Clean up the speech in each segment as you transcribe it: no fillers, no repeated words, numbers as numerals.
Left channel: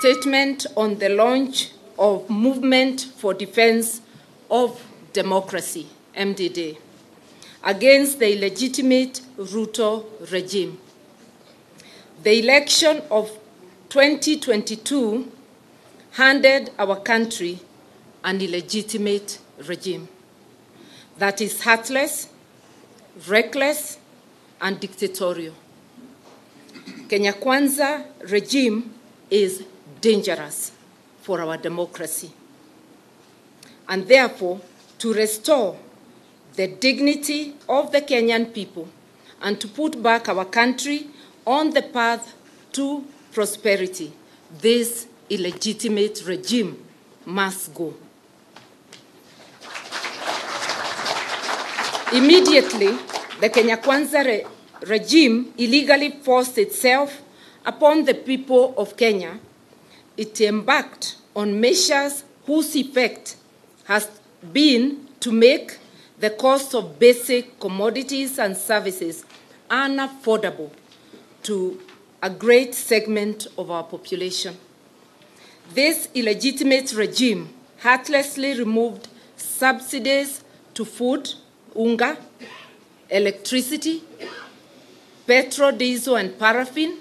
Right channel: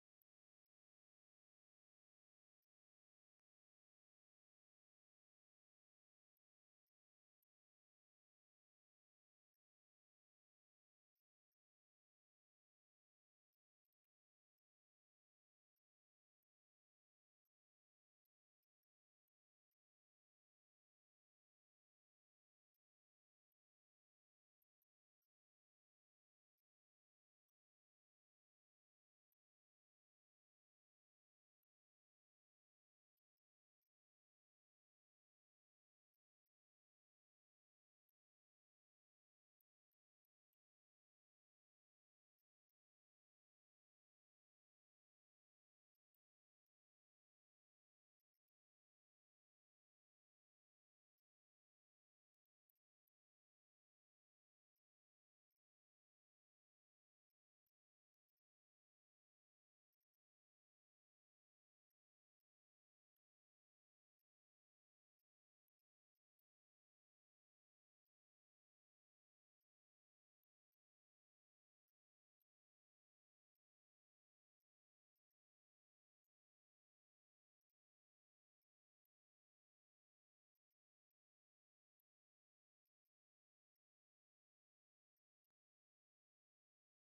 statement on the launch of Movement for Defense of Democracy, MDD, against the illegitimate Ruto regime. The election of 2022 handed our country an illegitimate regime that is heartless, reckless, and dictatorial. Kenya Kwanza regime is dangerous for our democracy. And therefore, to restore the dignity of the Kenyan people and to put back our country on the path to prosperity, this illegitimate regime must go. Immediately, the Kenya Kwanza regime illegally forced itself upon the people of Kenya. It embarked on measures whose effect has been to make the cost of basic commodities and services unaffordable to a great segment of our population. This illegitimate regime heartlessly removed subsidies to food, unga, electricity, petrol, diesel, and paraffin,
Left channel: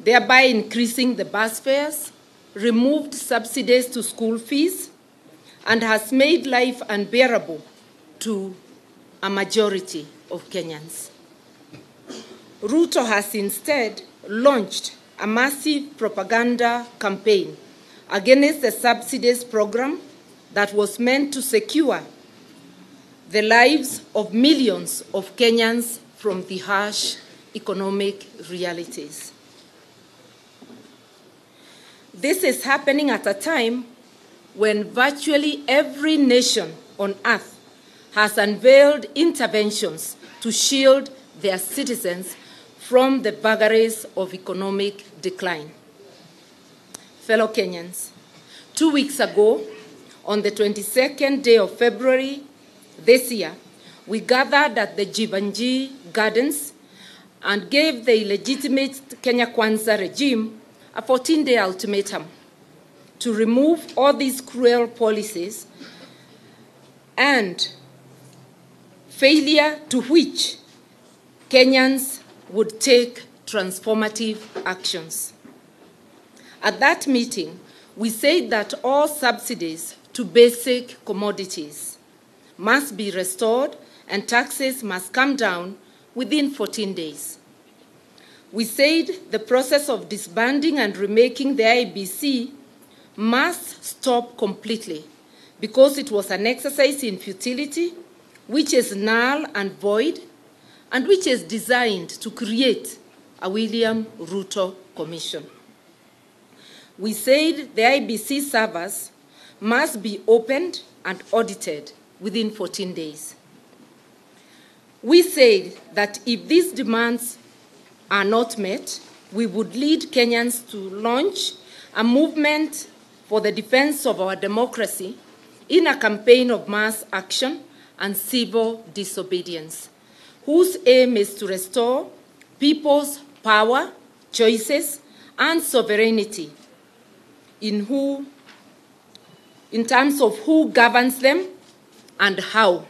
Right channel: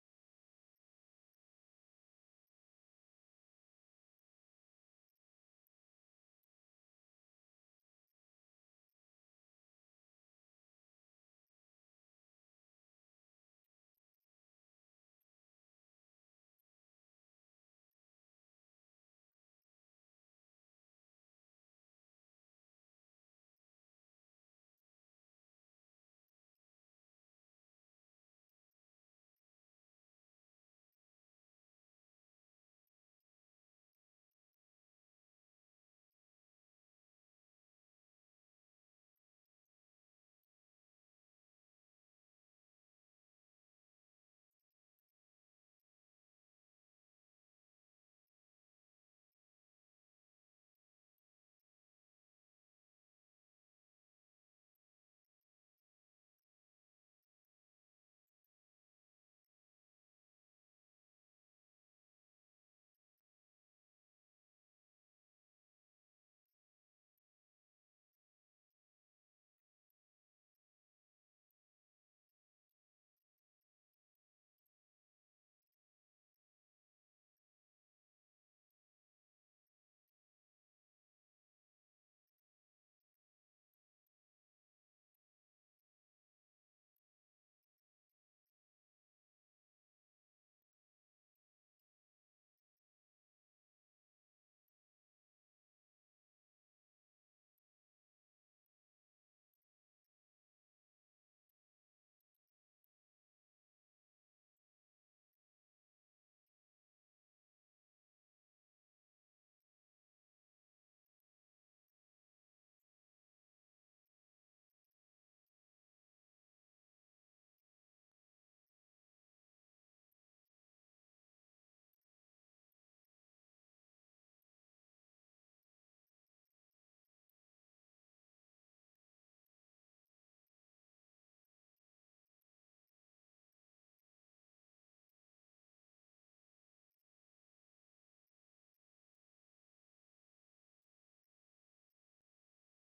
thereby increasing the bus fares, removed subsidies to school fees, and has made life unbearable to a majority of Kenyans. Ruto has instead launched a massive propaganda campaign against the subsidies program that was meant to secure the lives of millions of Kenyans from the harsh economic realities. This is happening at a time when virtually every nation on earth has unveiled interventions to shield their citizens from the vagaries of economic decline. Fellow Kenyans, 2 weeks ago, on the 22nd day of February this year, we gathered at the Jivanjee Gardens and gave the illegitimate Kenya Kwanza regime a 14-day ultimatum to remove all these cruel policies, and failure to which Kenyans would take transformative actions. At that meeting, we said that all subsidies to basic commodities must be restored and taxes must come down within 14 days. We said the process of disbanding and remaking the IEBC must stop completely because it was an exercise in futility, which is null and void, and which is designed to create a William Ruto Commission. We said the IEBC servers must be opened and audited within 14 days. We said that if these demands are not met, we would lead Kenyans to launch a movement for the defense of our democracy in a campaign of mass action and civil disobedience, whose aim is to restore people's power, choices, and sovereignty in terms of who governs them and how.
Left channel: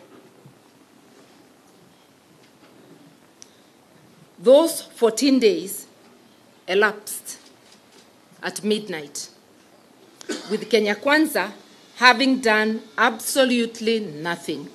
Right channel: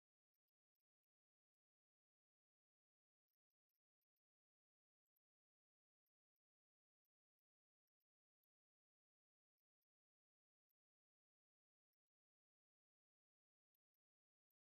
Those 14 days elapsed at midnight, with Kenya Kwanza having done absolutely nothing.